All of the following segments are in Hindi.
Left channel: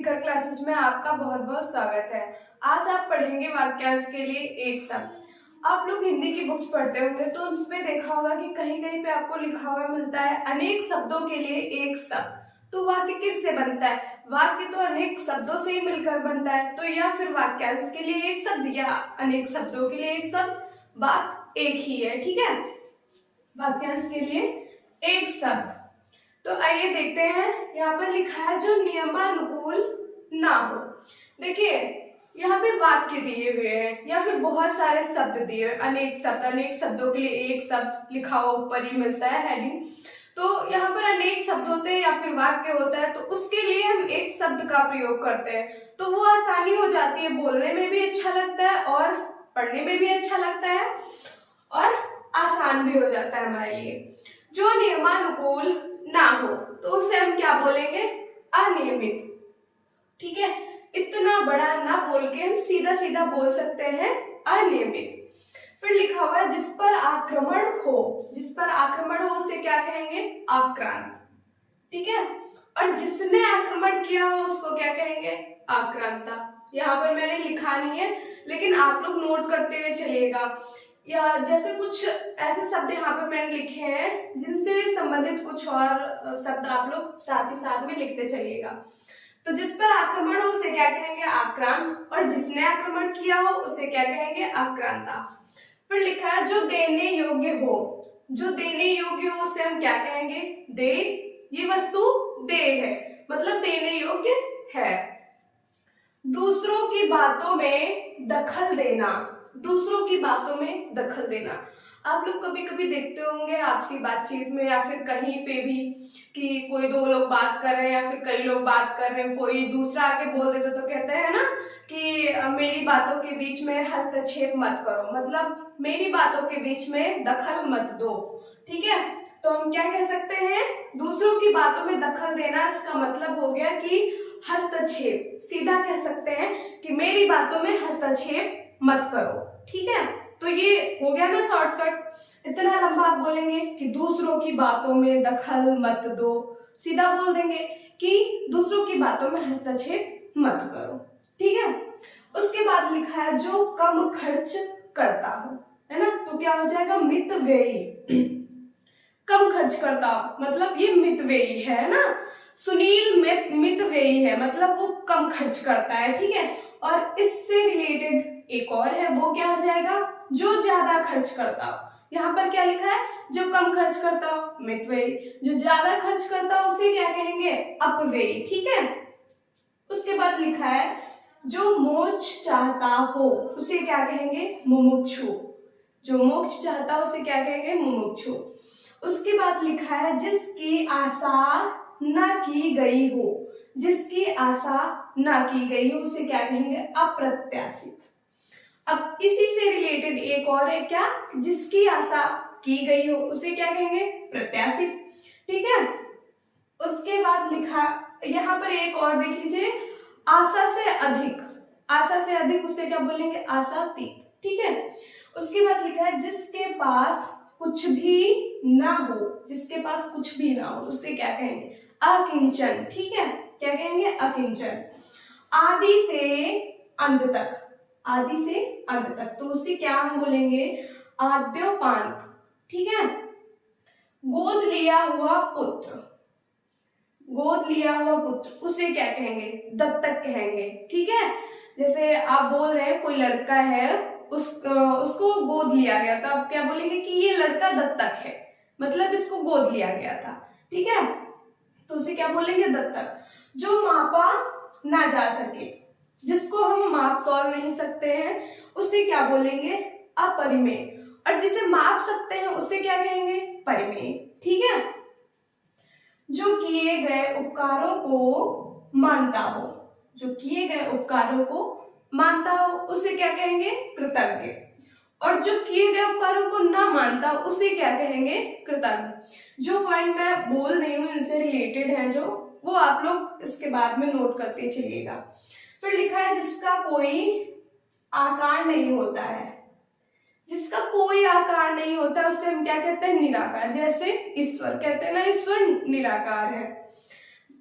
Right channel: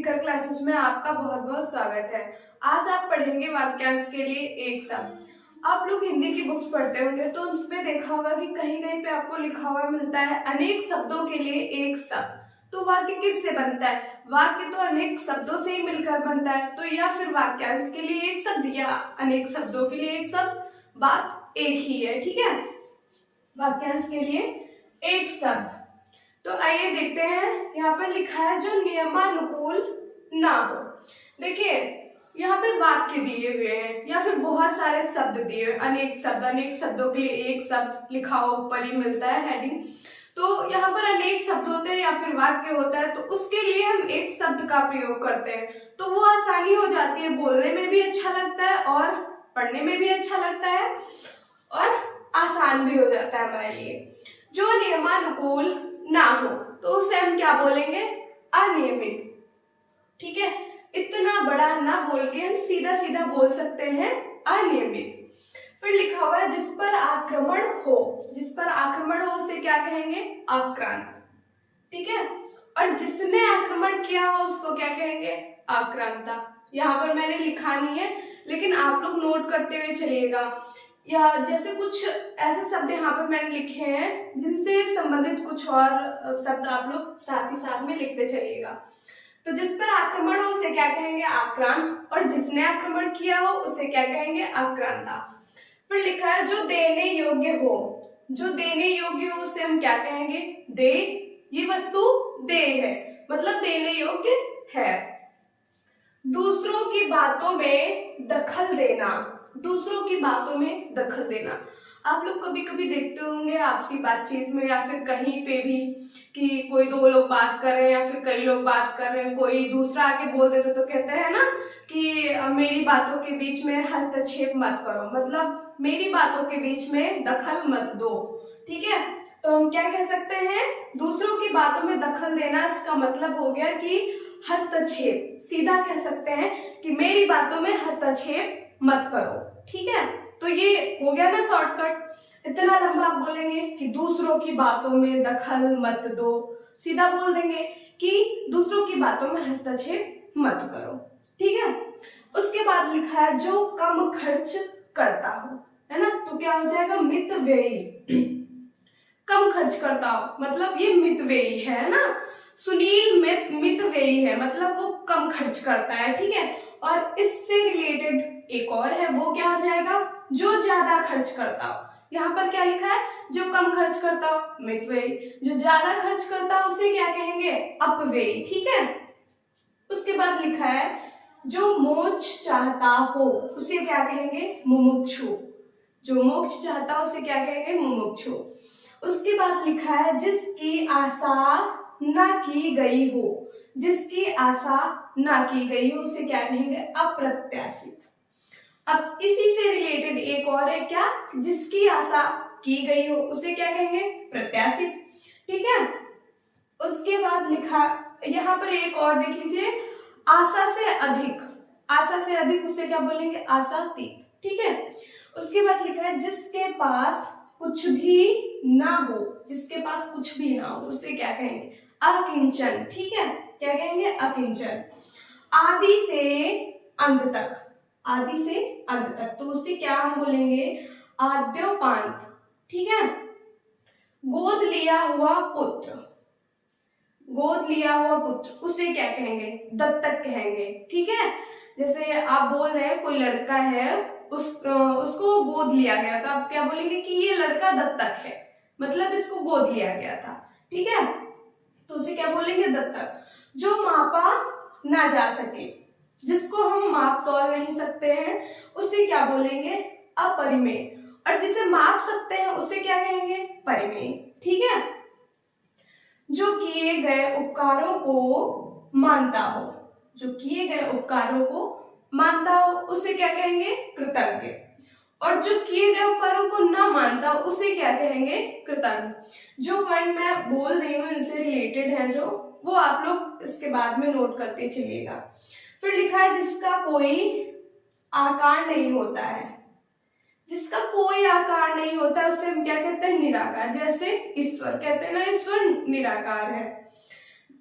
शिखर क्लासेस में आपका बहुत बहुत स्वागत है। आज आप पढ़ेंगे वाक्यांश के लिए एक शब्द। आप लोग हिंदी की बुक्स पढ़ते होंगे तो उसमें देखा होगा कि कहीं कहीं पे आपको लिखा हुआ मिलता है अनेक शब्दों के लिए एक शब्द। तो वाक्य किससे बनता है? वाक्य तो अनेक शब्दों से ही मिलकर बनता है। तो या फिर वाक्यांश के लिए एक शब्द या अनेक शब्दों के लिए एक शब्द, बात एक ही है। ठीक है, वाक्यांश के लिए एक शब्द। तो आइए देखते हैं, यहाँ पर लिखा है जो नियमानुकूल ना हो। देखिए यहाँ पे वाक्य दिए हुए हैं या फिर बहुत सारे शब्द दिए हुए, अनेक शब्द, अनेक शब्दों के लिए एक शब्द लिखा हुआ ऊपर ही मिलता है हेडिंग। तो यहाँ पर अनेक शब्द होते हैं या फिर वाक्य होता है, तो उसके लिए हम एक शब्द का प्रयोग करते हैं। तो वो आसानी हो जाती है, बोलने में भी अच्छा लगता है और पढ़ने में भी अच्छा लगता है और आसान भी हो जाता है हमारे लिए। जो नियमानुकूल ना हो तो उसे हम क्या बोलेंगे? अनियमित। ठीक है, इतना बड़ा ना बोल के हम सीधा सीधा बोल सकते हैं अनियमित। फिर लिखा हुआ है जिस पर आक्रमण हो, जिस पर आक्रमण हो उसे क्या कहेंगे? आक्रांत। ठीक है, और जिसने आक्रमण किया हो उसको क्या कहेंगे? आक्रांता। यहाँ पर मैंने लिखा नहीं है लेकिन आप लोग नोट करते हुए चलिएगा, या जैसे कुछ ऐसे शब्द यहाँ पर मैंने लिखे हैं जिनसे संबंधित कुछ और शब्द आप लोग साथ ही साथ में लिखते चलिएगा। तो जिस पर आक्रमण हो उसे क्या कहेंगे? आक्रांत, और जिसने आक्रमण किया हो उसे क्या कहेंगे? आक्रांता। फिर लिखा है जो देने योग्य हो, जो देने योग्य हो उसे हम क्या कहेंगे? दे। ये वस्तु दे है मतलब देने योग्य है। दूसरों की बातों में दखल देना, दूसरों की बातों में दखल देना। आप लोग कभी कभी देखते होंगे आपसी बातचीत में या फिर कहीं पे भी कि कोई दो लोग बात कर रहे हैं या फिर कई लोग बात कर रहे हैं, कोई दूसरा आके बोल देते तो कहते हैं ना कि मेरी बातों के बीच में हस्तक्षेप मत करो, मतलब मेरी बातों के बीच में दखल मत दो। ठीक है, तो हम क्या कह सकते हैं? दूसरों की बातों में दखल देना, इसका मतलब हो गया कि हस्तक्षेप। सीधा कह सकते हैं कि मेरी बातों में हस्तक्षेप मत करो। ठीक है, तो ये हो गया ना शॉर्टकट। इतना लंबा आप बोलेंगे कि दूसरों की बातों में दखल मत दो, सीधा बोल देंगे कि दूसरों की बातों में हस्तक्षेप मत करो। ठीक है, उसके बाद लिखा है जो कम खर्च करता हो, है ना, तो क्या हो जाएगा? मितव्ययी। कम खर्च करता हो मतलब ये मितव्ययी है ना। सुनील मितव्ययी है मतलब वो कम खर्च करता है। ठीक है, और इससे रिलेटेड एक और है, वो क्या हो जाएगा? जो ज्यादा खर्च करता हो। यहाँ पर क्या लिखा है? जो कम खर्च करता हो मितव्ययी, जो ज्यादा खर्च करता हो उसे क्या कहेंगे? अपव्ययी। ठीक है, उसके बाद लिखा है जो मोक्ष चाहता हो उसे क्या कहेंगे? मुमुक्षु। जो मोक्ष चाहता हो उसे क्या कहेंगे? मुमुक्षु। उसके बाद लिखा है जिसकी आशा ना की गई हो, जिसकी आशा ना की गई हो उसे क्या कहेंगे? अप्रत्याशित। अब इसी से रिलेटेड एक और है, क्या? जिसकी आशा की गई हो उसे क्या कहेंगे? प्रत्याशित। ठीक है, उसके बाद लिखा यहाँ पर एक और देख लीजिए, आशा से अधिक, आशा से अधिक उसे क्या बोलेंगे? आशातीत। ठीक है, उसके बाद लिखा है जिसके पास कुछ भी ना हो, जिसके पास कुछ भी ना हो उसे क्या कहेंगे? अकिंचन। ठीक है, क्या कहेंगे? अकिंचन। आदि से अंत तक, आदि से अंत तक तो उसे क्या हम बोलेंगे? आद्योपांत। ठीक है, गोद लिया हुआ पुत्र, गोद लिया हुआ पुत्र उसे क्या कहेंगे? दत्तक कहेंगे। ठीक है, जैसे आप बोल रहे हैं कोई लड़का है उसको गोद लिया गया, तो आप क्या बोलेंगे कि ये लड़का दत्तक है, मतलब इसको गोद लिया गया था। ठीक है, तो उसे क्या बोलेंगे? दत्तक। जो मापा ना जा सके, जिसको हम माप तौल नहीं सकते हैं उसे क्या बोलेंगे? अपरिमेय। और जिसे माप सकते हैं उसे क्या कहेंगे? परिमेय। ठीक है, जो किए गए उपकारों को मानता हो, जो किए गए उपकारों को मानता हो उसे क्या कहेंगे? कृतज्ञ। और जो किए गए उपकारों को ना मानता उसे क्या कहेंगे? कृतज्ञ। जो वर्ड मैं बोल रही हूँ इनसे रिलेटेड है जो, वो आप लोग इसके बाद में नोट करते चलिएगा। फिर लिखा है जिसका कोई आकार नहीं होता है, जिसका कोई आकार नहीं होता उसे हम क्या कहते हैं? निराकार। जैसे ईश्वर कहते हैं ना, ईश्वर निराकार है।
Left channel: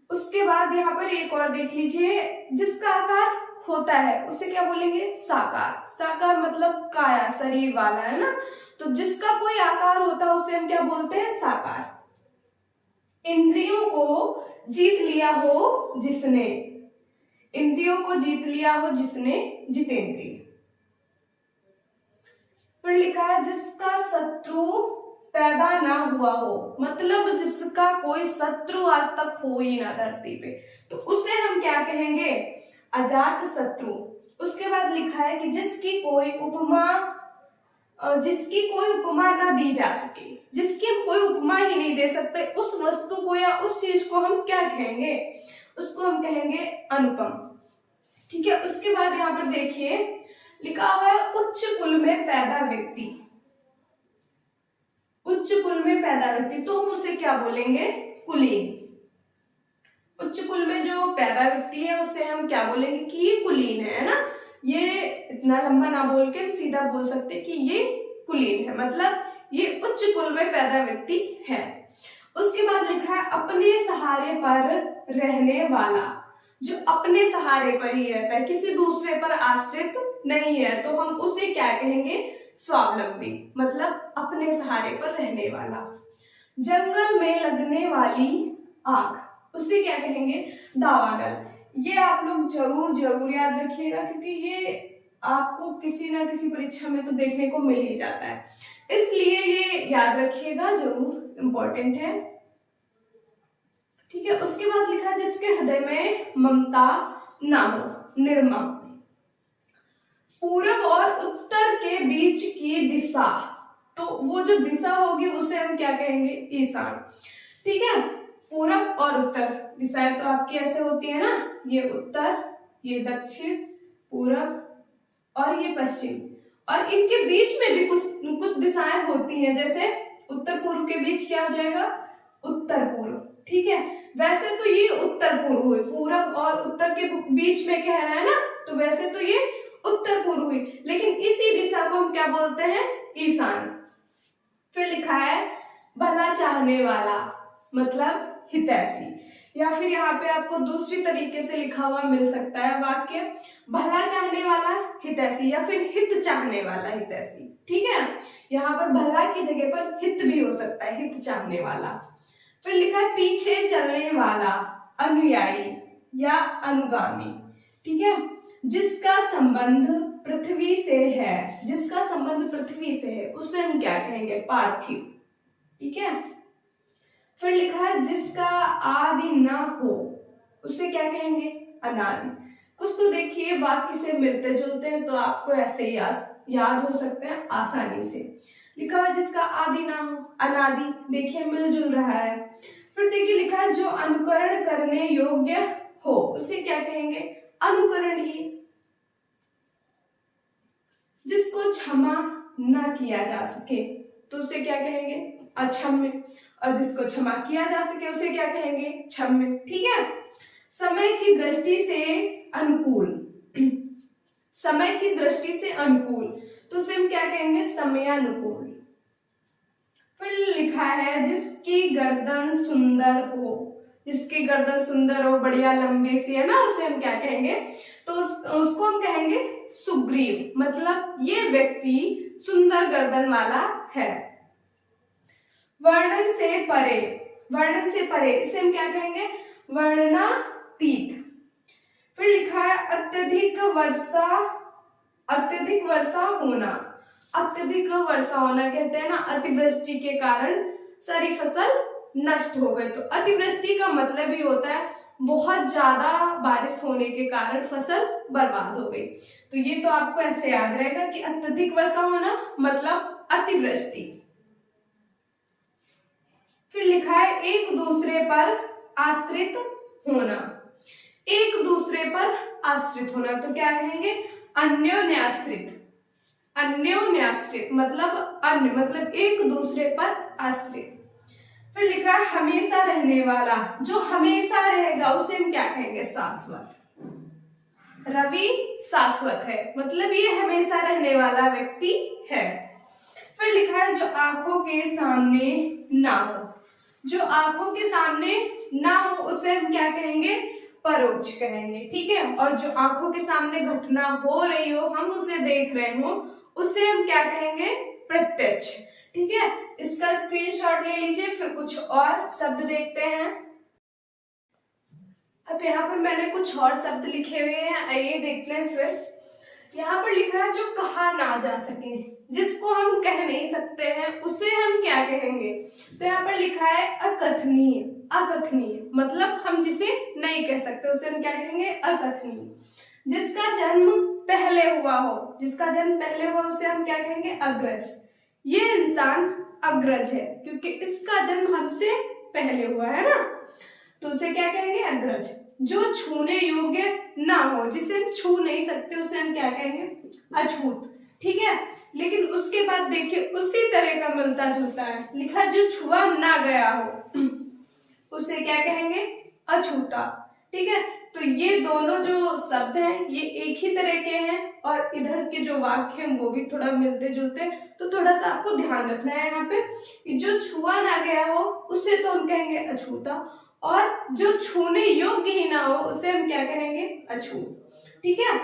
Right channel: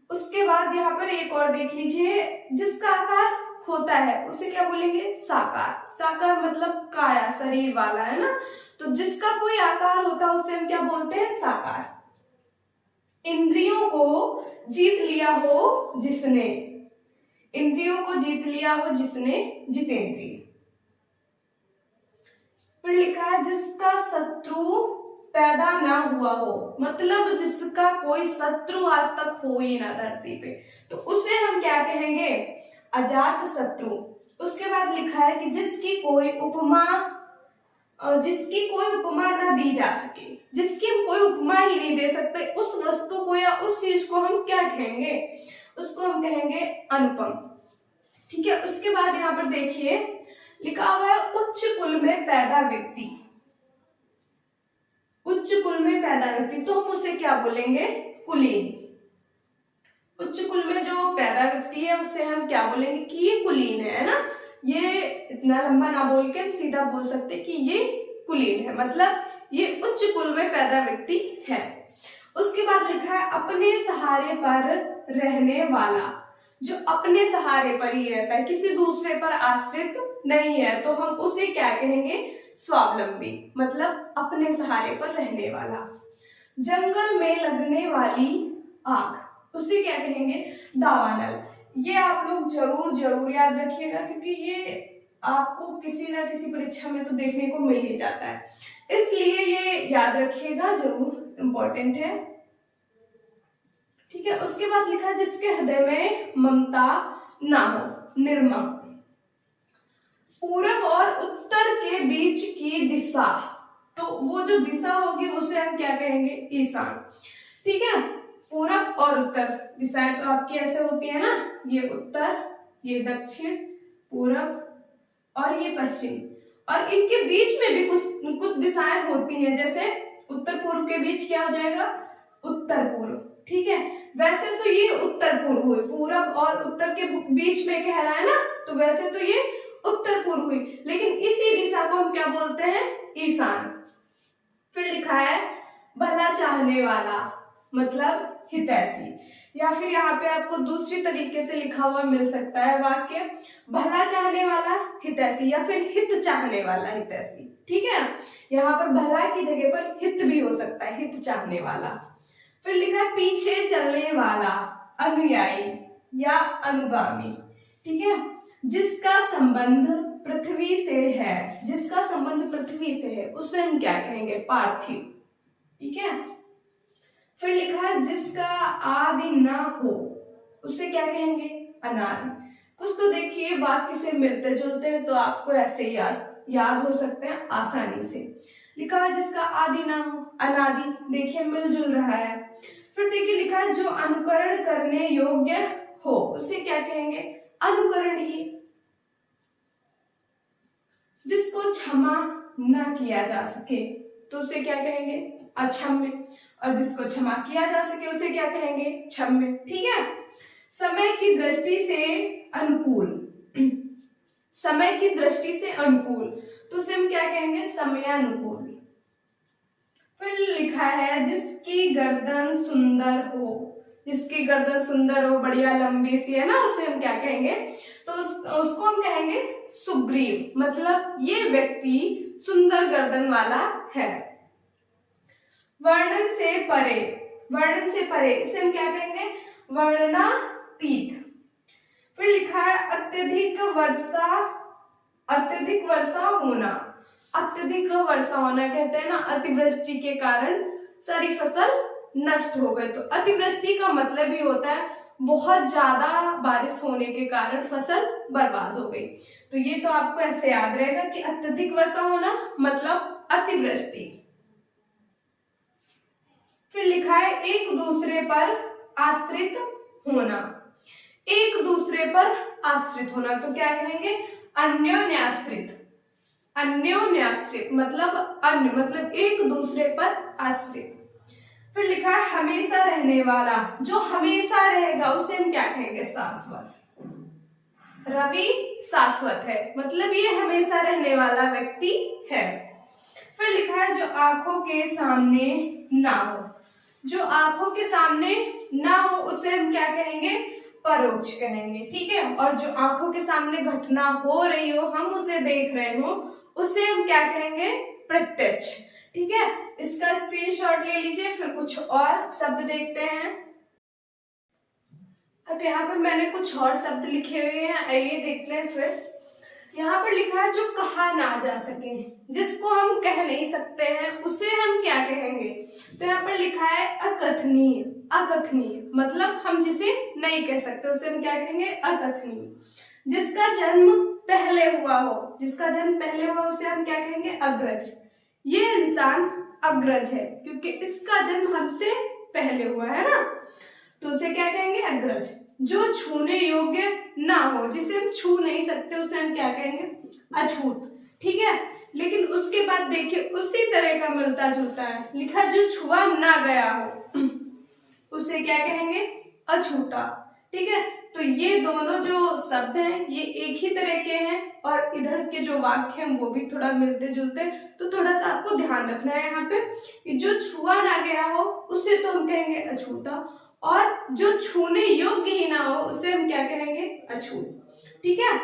उसके बाद यहाँ पर एक और देख लीजिए, जिसका आकार होता है उसे क्या बोलेंगे? साकार। साकार मतलब काया, शरीर वाला, है ना। तो जिसका कोई आकार होता है उसे हम क्या बोलते हैं? साकार। इंद्रियों को जीत लिया हो जिसने, इंद्रियों को जीत लिया हो जिसने, जितेंद्रिय। फिर लिखा है जिसका शत्रु पैदा ना हुआ हो, मतलब जिसका कोई शत्रु आज तक हो ही ना धरती पे, तो उसे हम क्या कहेंगे? अजात शत्रु। उसके बाद लिखा है कि जिसकी कोई उपमा ना दी जा सके, जिसकी हम कोई उपमा ही नहीं दे सकते, उस वस्तु को या उस चीज को हम क्या कहेंगे? उसको हम कहेंगे अनुपम। ठीक है। उसके बाद यहाँ पर देखिए लिखा हुआ है उच्च कुल में पैदा व्यक्ति। उच्च कुल में पैदा व्यक्ति, तो हम उसे क्या बोलेंगे? कुलीन। उच्च कुल में जो पैदा व्यक्ति है उसे हम क्या बोलेंगे? कि ये कुलीन है ना। ये इतना लंबा ना बोल के हम सीधा बोल सकते कि ये कुलीन है, मतलब ये उच्च कुल में पैदा व्यक्ति है। उसके बाद लिखा है अपने सहारे पर रहने वाला, जो अपने सहारे पर ही रहता है, किसी दूसरे पर आश्रित नहीं है, तो हम उसे क्या कहेंगे? स्वावलंबी, मतलब अपने सहारे पर रहने वाला। जंगल में लगने वाली आग, उसे क्या कहेंगे? दावानल। ये आप लोग जरूर जरूर याद रखिएगा, क्योंकि ये आपको किसी ना किसी परीक्षा में तो देखने को मिल ही जाता है, इसलिए ये याद रखिएगा, जरूर इंपॉर्टेंट है। ठीक है। उसके बाद लिखा जिसके हृदय में ममता ना हो, निर्मम। पूर्व और उत्तर के बीच की दिशा, तो वो जो दिशा होगी उसे हम क्या कहेंगे? ईशान। ठीक है। पूरब और उत्तर दिशाएं तो आपकी ऐसे होती है ना, ये उत्तर, ये दक्षिण, पूरब और ये पश्चिम, और इनके बीच में भी कुछ दिशाएं होती हैं, जैसे उत्तर पूर्व के बीच क्या हो जाएगा? उत्तर पूर्व। ठीक है। वैसे तो ये उत्तर पूर्व हुई, पूरब और उत्तर के बीच में कह रहा है ना, तो वैसे तो ये उत्तर पूर्व हुई, लेकिन इसी दिशा को हम क्या बोलते हैं? ईशान। फिर लिखा है भला चाहने वाला, मतलब हितैषी, या फिर यहाँ पे आपको दूसरी तरीके से लिखा हुआ मिल सकता है वाक्य, भला चाहने वाला हितैषी, या फिर हित चाहने वाला हितैषी। ठीक है। यहाँ पर भला की जगह पर हित भी हो सकता है, हित चाहने वाला। फिर लिखा है पीछे चलने वाला, अनुयायी या अनुगामी। ठीक है। जिसका संबंध पृथ्वी से है, जिसका संबंध पृथ्वी से है उसे हम क्या कहेंगे? पार्थिव। ठीक है। फिर लिखा है जिसका आदि ना हो, उसे क्या कहेंगे? अनादि। कुछ तो देखिए वाक्य से मिलते जुलते हैं, तो आपको ऐसे ही याद हो सकते हैं आसानी से। लिखा है जिसका आदि ना हो, अनादि, देखिए मिलजुल रहा है। फिर देखिए लिखा है जो अनुकरण करने योग्य हो, उसे क्या कहेंगे? अनुकरणीय। जिसको क्षमा ना किया जा सके तो उसे क्या कहेंगे? अक्षम्य। और जिसको क्षमा किया जा सके उसे क्या कहेंगे? क्षम्य। ठीक है। समय की दृष्टि से अनुकूल, समय की दृष्टि से अनुकूल, तो उसे हम क्या कहेंगे? समयानुकूल। फिर लिखा है जिसकी गर्दन सुंदर हो, जिसकी गर्दन सुंदर हो, बढ़िया लंबी सी है ना, उसे हम क्या कहेंगे? तो उसको हम कहेंगे सुग्रीव, मतलब ये व्यक्ति सुंदर गर्दन वाला है। वर्णन से परे, वर्णन से परे, इसे हम क्या कहेंगे? वर्णनातीत। फिर लिखा है अत्यधिक वर्षा, अत्यधिक वर्षा होना, अत्यधिक वर्षा होना कहते हैं ना, अतिवृष्टि के कारण सारी फसल नष्ट हो गई, तो अतिवृष्टि का मतलब ही होता है बहुत ज्यादा बारिश होने के कारण फसल बर्बाद हो गई। तो ये तो आपको ऐसे याद रहेगा कि अत्यधिक वर्षा होना मतलब अतिवृष्टि। फिर लिखा है एक दूसरे पर आश्रित होना, एक दूसरे पर आश्रित होना, तो क्या कहेंगे? अन्योन्याश्रित। अन्योन्याश्रित मतलब अन्य, मतलब एक दूसरे पर आश्रित। फिर लिखा है हमेशा रहने वाला, जो हमेशा रहेगा उसे हम क्या कहेंगे? शाश्वत। रवि शाश्वत है, मतलब ये हमेशा रहने वाला व्यक्ति है। फिर लिखा है जो आंखों के सामने ना हो, जो आंखों के सामने ना हो उसे हम क्या कहेंगे, परोक्ष कहेंगे। ठीक है, और जो आंखों के सामने घटना हो रही हो, हम उसे देख रहे हो, उसे हम क्या कहेंगे, प्रत्यक्ष। ठीक है, इसका स्क्रीनशॉट ले लीजिए, फिर कुछ और शब्द देखते हैं। अब यहाँ पर मैंने कुछ और शब्द लिखे हुए हैं, आइए देखते हैं। फिर यहाँ पर लिखा है जो कहा ना जा सके, जिसको हम कह नहीं सकते हैं उसे हम क्या कहेंगे। तो यहाँ पर लिखा है अकथनीय। अकथनीय मतलब हम जिसे नहीं कह सकते उसे हम क्या कहेंगे, अकथनीय। जिसका जन्म पहले हुआ हो, जिसका जन्म पहले हुआ उसे हम क्या कहेंगे, अग्रज। ये इंसान अग्रज है क्योंकि इसका जन्म हमसे पहले हुआ है ना, तो उसे क्या कहेंगे, अग्रज। जो छूने योग्य ना हो, जिसे हम छू नहीं सकते उसे हम क्या कहेंगे, अछूत। ठीक है, लेकिन उसके बाद देखिए उसी तरह का मिलता जुलता है, लिखा जो छुआ ना गया हो उसे क्या कहेंगे, अछूता। ठीक है, तो ये दोनों जो शब्द हैं ये एक ही तरह के हैं, और इधर के जो वाक्य हैं वो भी थोड़ा मिलते जुलते हैं, तो थोड़ा सा आपको ध्यान रखना है यहाँ पे। जो छुआ ना गया हो उसे तो हम कहेंगे अछूता, और जो छूने योग्य ही ना हो उसे हम क्या कहेंगे, अछूत। ठीक है,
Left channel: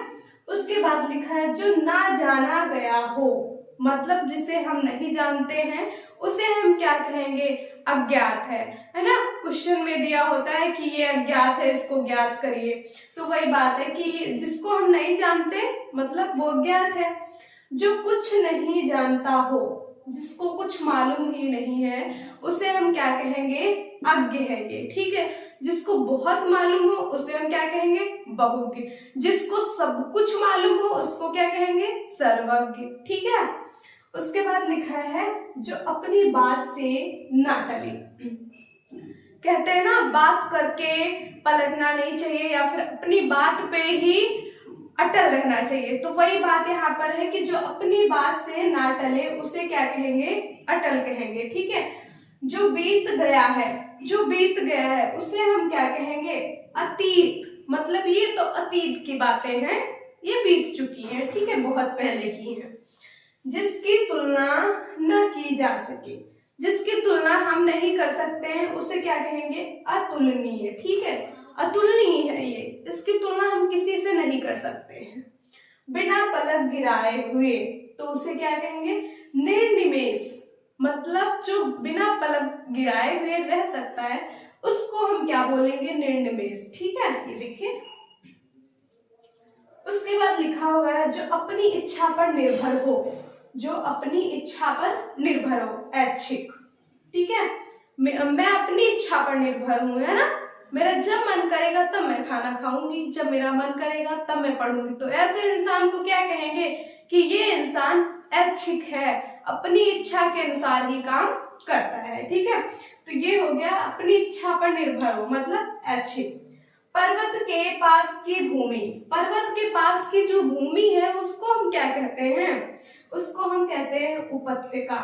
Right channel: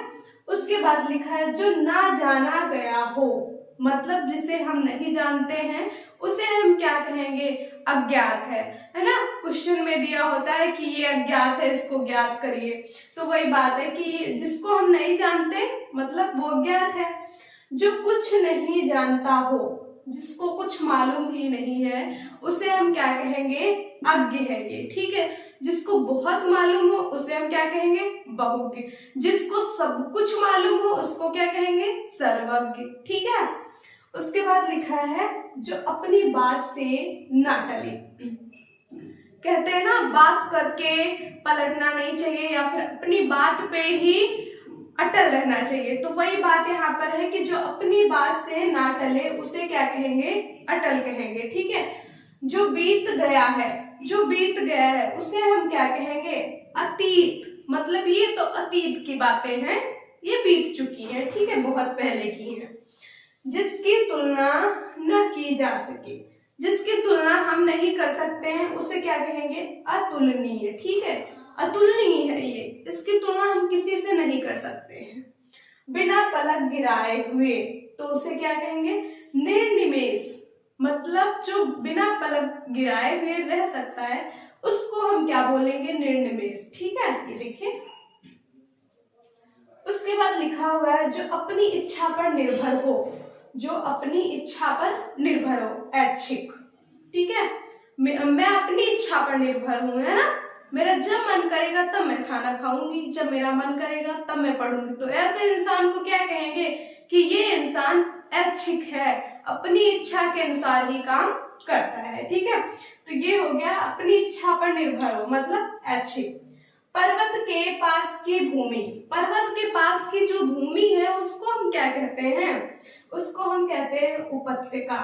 उसके बाद लिखा है जो ना जाना गया हो, मतलब जिसे हम नहीं जानते हैं उसे हम क्या कहेंगे, अज्ञात है ना। क्वेश्चन में दिया होता है कि ये अज्ञात है, इसको ज्ञात करिए, तो वही बात है कि जिसको हम नहीं जानते मतलब वो अज्ञात है। जो कुछ नहीं जानता हो, जिसको कुछ मालूम ही नहीं है उसे हम क्या कहेंगे, अज्ञ है ये। ठीक है, जिसको बहुत मालूम हो उसे हम क्या कहेंगे, बहुज्ञ। जिसको सब कुछ मालूम हो उसको क्या कहेंगे, सर्वज्ञ। ठीक है, उसके बाद लिखा है जो अपनी बात से ना टले। कहते हैं ना बात करके पलटना नहीं चाहिए, या फिर अपनी बात पे ही अटल रहना चाहिए, तो वही बात यहाँ पर है कि जो अपनी बात से ना टले उसे क्या कहेंगे, अटल कहेंगे। ठीक है, जो बीत गया है, जो बीत गया है उसे हम क्या कहेंगे, अतीत। मतलब ये तो अतीत की बातें हैं, ये बीत चुकी हैं। ठीक है, बहुत पहले की हैं। जिसकी तुलना न की जा सके, जिसकी तुलना हम नहीं कर सकते हैं उसे क्या कहेंगे, अतुलनीय। ठीक है, अतुलनीय है ये, इसकी तुलना हम किसी से नहीं कर सकते हैं। बिना पलक गिराए हुए तो उसे क्या कहेंगे, निर्निमेष। मतलब जो बिना पलक गिराए हुए रह सकता है उसको हम क्या बोलेंगे, निर्निमेष। ठीक है, ये देखिए। उसके बाद लिखा हुआ है जो अपनी इच्छा पर निर्भर हो, जो अपनी इच्छा पर निर्भर हो, ऐच्छिक। ठीक है, मैं अपनी इच्छा पर निर्भर हूं, है ना। मेरा जब मन करेगा तब मैं खाना खाऊंगी, जब मेरा मन करेगा तब मैं पढ़ूंगी, तो ऐसे इंसान को क्या कहेंगे कि ये इंसान ऐच्छिक है, अपनी इच्छा के अनुसार ही काम करता है। ठीक है, तो ये हो गया अपनी इच्छा पर निर्भर हो मतलब ऐच्छिक। पर्वत के पास की भूमि, पर्वत के पास की जो भूमि है उसको हम क्या कहते हैं, उसको हम कहते हैं उपत्यका।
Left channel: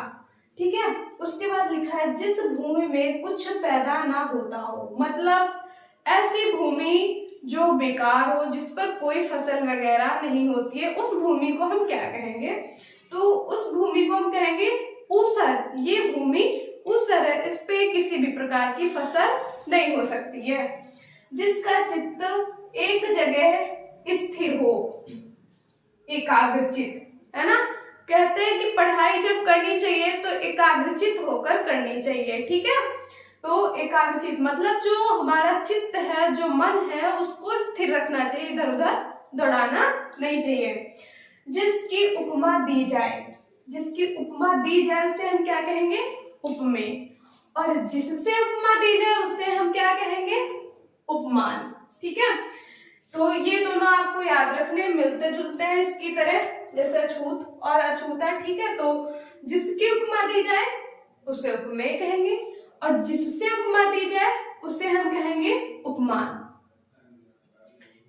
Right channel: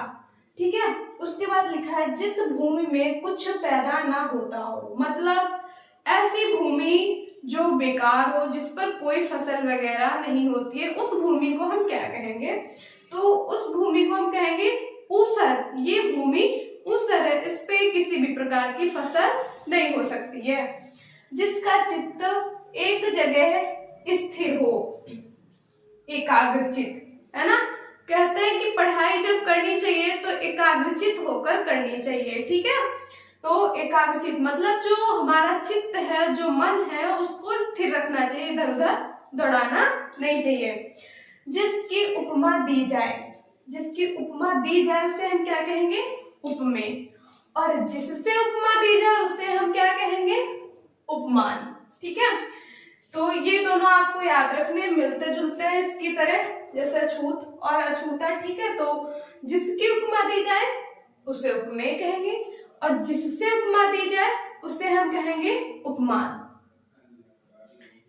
ठीक है, उसके बाद लिखा है जिस भूमि में कुछ पैदा ना होता हो, मतलब ऐसी भूमि जो बेकार हो, जिस पर कोई फसल वगैरह नहीं होती है, उस भूमि को हम क्या कहेंगे, तो उस भूमि को हम कहेंगे ऊसर। ये भूमि ऊसर है, इस पे किसी भी प्रकार की फसल नहीं हो सकती है। जिसका चित्त एक जगह स्थिर हो, एकाग्रचित, है ना। कहते हैं कि पढ़ाई जब करनी चाहिए तो एकाग्रचित होकर करनी चाहिए। ठीक है, तो एकाग्रचित मतलब जो हमारा चित्त है, जो मन है, उसको स्थिर रखना चाहिए, इधर उधर दौड़ाना नहीं चाहिए। जिसकी उपमा दी जाए, जिसकी उपमा दी जाए उसे हम क्या कहेंगे, उपमेय। और जिससे उपमा दी जाए उसे हम क्या कहेंगे, उपमान। ठीक है, तो ये दोनों आपको याद रखने, मिलते जुलते हैं इसकी तरह, जैसे अछूत और अछूता। ठीक है, तो जिसकी उपमा दी जाए उसे उपमेय कहेंगे, और जिससे उपमा दी जाए उसे हम कहेंगे उपमान।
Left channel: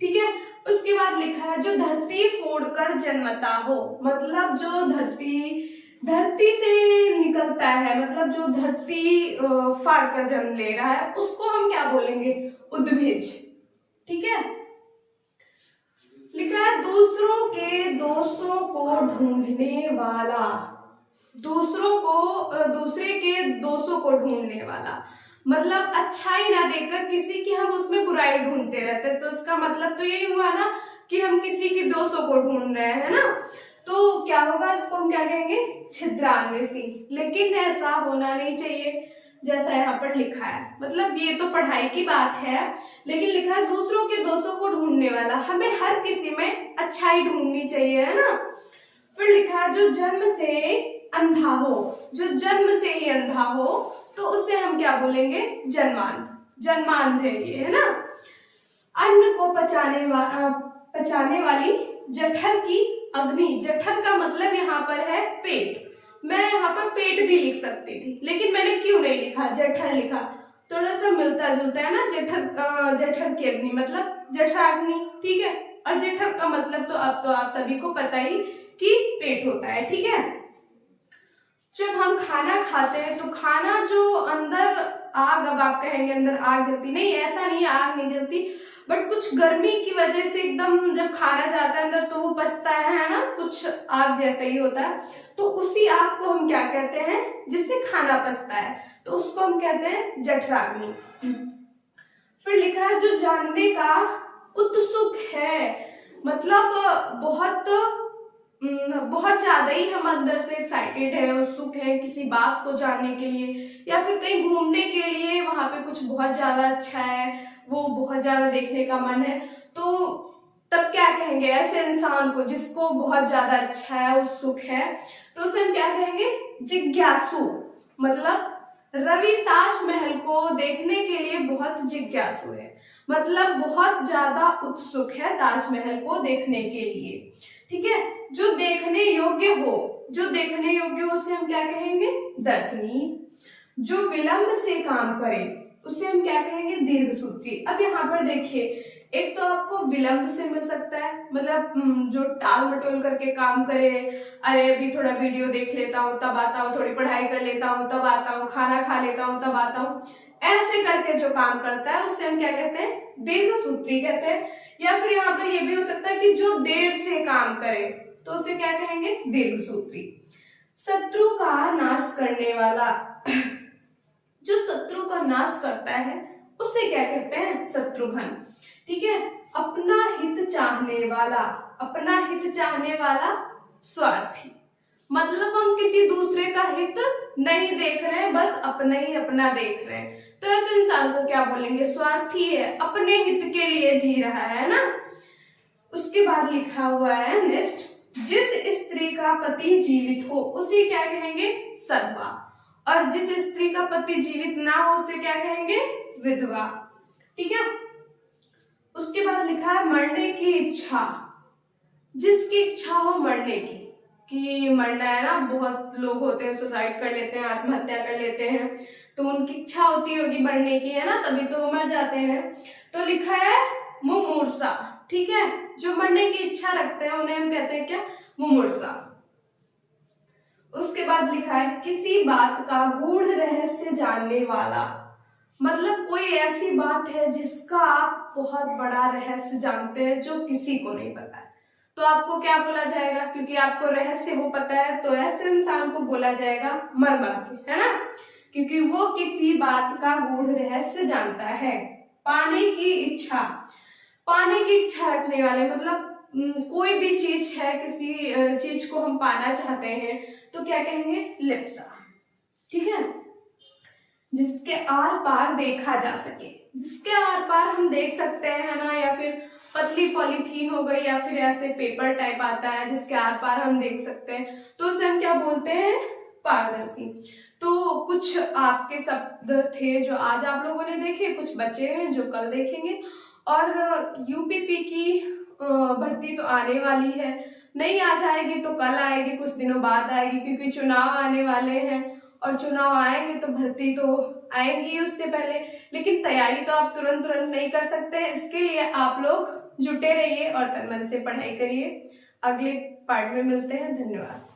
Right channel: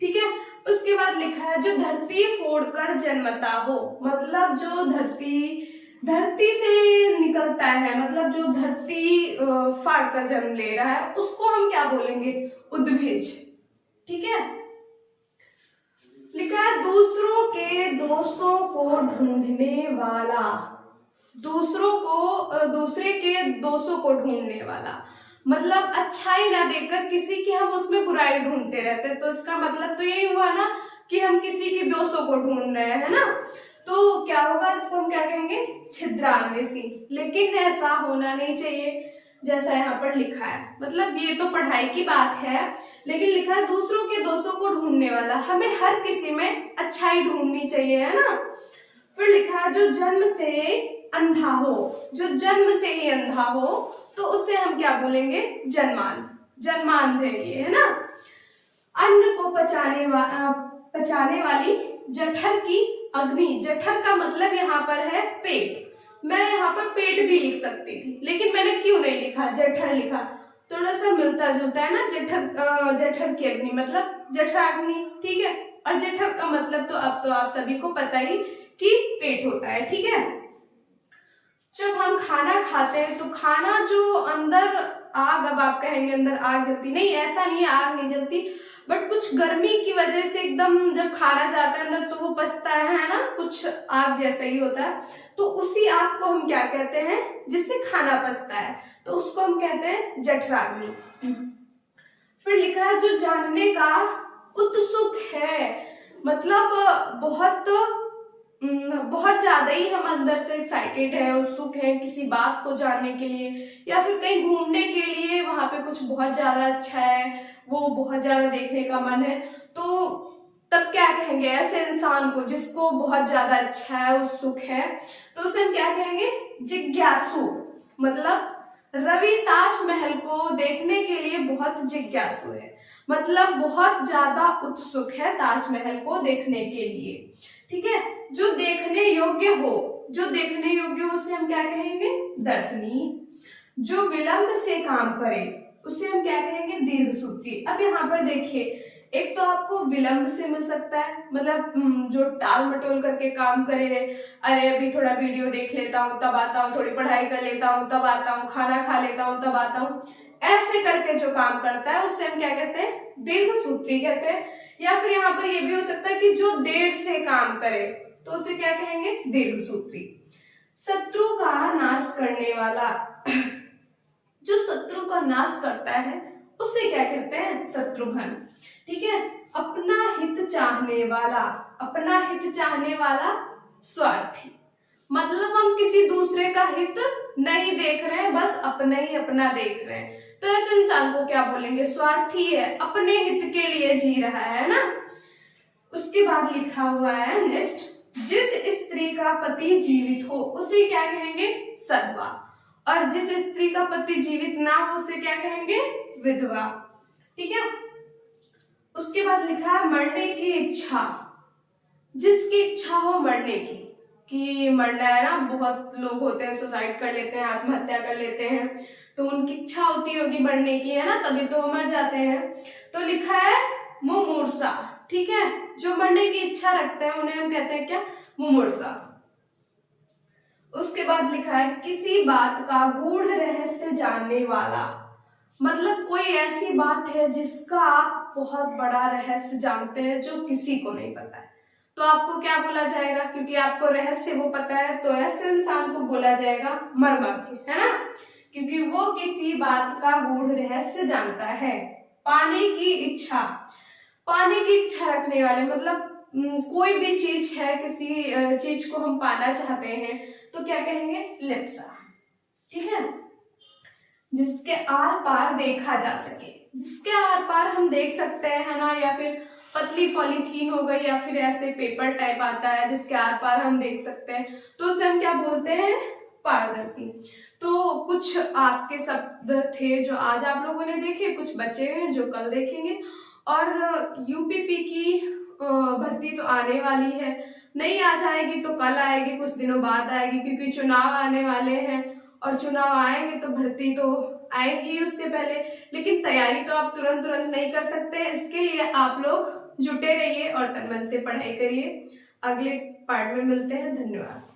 ठीक है, उसके बाद लिखा है जो धरती फोड़कर जन्मता हो, मतलब जो धरती से निकलता है, मतलब जो धरती फाड़ कर जन्म ले रहा है उसको हम क्या बोलेंगे, उद्भिज। ठीक है, लिखा है दूसरों के दोषों को ढूंढने वाला, दूसरे के दोषों को ढूंढने वाला, मतलब अच्छाई ना देखकर किसी की हम उसमें बुराई ढूंढते रहते हैं, तो इसका मतलब तो यही हुआ ना कि हम किसी की दोषों को ढूंढ रहे हैं ना। तो क्या होगा, इसको हम क्या कहेंगे, छिद्रान्वेषी। लेकिन ऐसा होना नहीं चाहिए जैसा यहाँ पर लिखा है। मतलब ये तो पढ़ाई की बात है, लेकिन लिखा है दूसरों के दोषों को ढूंढने वाला। हमें हर किसी में अच्छाई ढूंढनी चाहिए, है ना। फिर लिखा है जो जन्म से अंधा हो, जो जन्म से ही अंधा हो तो उसे हम क्या बोलेंगे, जन्मांध। जन्मांध है ये, है ना। अन्न को पचाने वाली जठर की अग्नि। जठर का मतलब यहाँ पर है पेट। मैं यहाँ पर पेट भी लिख सकती थी, लेकिन मैंने क्यों नहीं लिखा, जठर लिखा। थोड़ा सा मिलता जुलता है ना, जठर की अग्नि मतलब जठराग्नि, ठीक है। और जठर का मतलब तो अब तो आप सभी को पता ही कि पेट होता है, ठीक है। जब हम खाना खाते हैं तो खाना जो अंदर आग, अब आप कहेंगे अंदर आग जलती, नहीं ऐसा नहीं है, आग नहीं जलती, बट कुछ गर्मी की वजह से एकदम जब खाना जाता है अंदर तो वो पचता है ना, कुछ आग जैसा ही होता है। तो उसी आग को हम क्या कहते हैं, जिससे खाना पचता है, तो उसको हम कहते हैं जठराग्नि। फिर लिखा है जो जानने का उत्सुक है, मतलब बहुत ज्यादा ही हम अंदर से एक्साइटेड है, उत्सुक है किसी बात को जानने के लिए, या फिर कहीं घूमने के लिए, वहां पे कुछ बहुत ज्यादा अच्छा है, वो बहुत ज्यादा देखने का मन है, तो तब क्या कहेंगे ऐसे इंसान को जिसको बहुत ज्यादा अच्छा है, उत्सुक है, तो उसे हम क्या कहेंगे, जिज्ञासु। मतलब रवि ताजमहल को देखने के लिए बहुत जिज्ञासु है, मतलब बहुत ज्यादा उत्सुक है ताजमहल को देखने के लिए, ठीक है। जो देखने योग्य हो, जो देखने योग्य हो उसे हम क्या कहेंगे, दर्शनीय। जो विलंब से काम करे उसे हम क्या कहेंगे, दीर्घसूत्री। अब यहाँ पर देखिए, एक तो आपको विलंब से मिल सकता है, मतलब जो टाल मटोल करके काम करे, अरे अभी थोड़ा वीडियो देख लेता हूँ तब आता हूँ, थोड़ी पढ़ाई कर लेता हूँ तब आता हूँ, खाना खा लेता हूँ तब आता हूँ, ऐसे करके जो काम करता है उससे हम क्या कहते हैं, दीर्घसूत्री कहते हैं। या फिर यहाँ पर ये भी हो सकता है कि जो देर से काम करे तो उसे क्या कहेंगे, दीर्घसूत्री। शत्रु का नाश करने वाला, जो शत्रु का नाश करता है उसे क्या कहते हैं, शत्रुघ्न, ठीक है। अपना हित चाहने वाला, अपना हित चाहने वाला स्वार्थी, मतलब हम किसी दूसरे का हित नहीं देख रहे हैं, बस अपना ही अपना देख रहे हैं, तो ऐसे इंसान को क्या बोलेंगे, स्वार्थी है, अपने हित के लिए जी रहा है ना। उसके बाद लिखा हुआ है नेक्स्ट, जिस स्त्री का पति जीवित हो उसे क्या कहेंगे, सधवा, और जिस स्त्री का पति जीवित ना हो उसे क्या कहेंगे, विधवा, ठीक है। उसके बाद लिखा है मरने की इच्छा, जिसकी इच्छा हो मरने की, कि मरना है ना, बहुत लोग होते हैं सुसाइड कर लेते हैं, आत्महत्या कर लेते हैं, तो उनकी इच्छा होती होगी मरने की, है ना, तभी तो वो मर जाते हैं। तो लिखा है मुमूर्षा, ठीक है, जो मरने की इच्छा रखते हैं उन्हें हम कहते हैं क्या, मुमूर्षा। उसके बाद लिखा है किसी बात का गूढ़ रहस्य जानने वाला, मतलब कोई ऐसी बात है जिसका आप बहुत बड़ा रहस्य जानते हैं जो किसी को नहीं पता है, तो आपको क्या बोला जाएगा, क्योंकि आपको रहस्य वो पता है, तो ऐसे इंसान को बोला जाएगा मर्मज्ञ, है ना, क्योंकि वो किसी बात का गूढ़ रहस्य जानता है। पाने की इच्छा, पाने की इच्छा रखने वाले, मतलब कोई भी चीज है, किसी चीज को हम पाना चाहते हैं तो क्या कहेंगे, लिप्सा, ठीक है। जिसके आर पार देखा जा सके, जिसके आर पार हम देख सकते हैं, है ना, या फिर पतली पॉलीथीन हो गई, या फिर ऐसे पेपर टाइप आता है जिसके आर पार हम देख सकते हैं, तो उसे हम क्या बोलते हैं, पारदर्शी। तो कुछ आपके शब्द थे जो आज आप लोगों ने देखे, कुछ बचे हैं जो कल देखेंगे। और यूपीपी की भर्ती तो आने वाली है, नहीं आज आएगी तो कल आएगी, कुछ दिनों बाद आएगी, क्योंकि चुनाव आने वाले हैं, और चुनाव आएंगे तो भर्ती तो आएगी उससे पहले, लेकिन तैयारी तो आप तुरंत नहीं कर सकते। इसके लिए आप लोग जुटे रहिए और तन मन से पढ़ाई करिए। अगले पार्ट में मिलते हैं, धन्यवाद।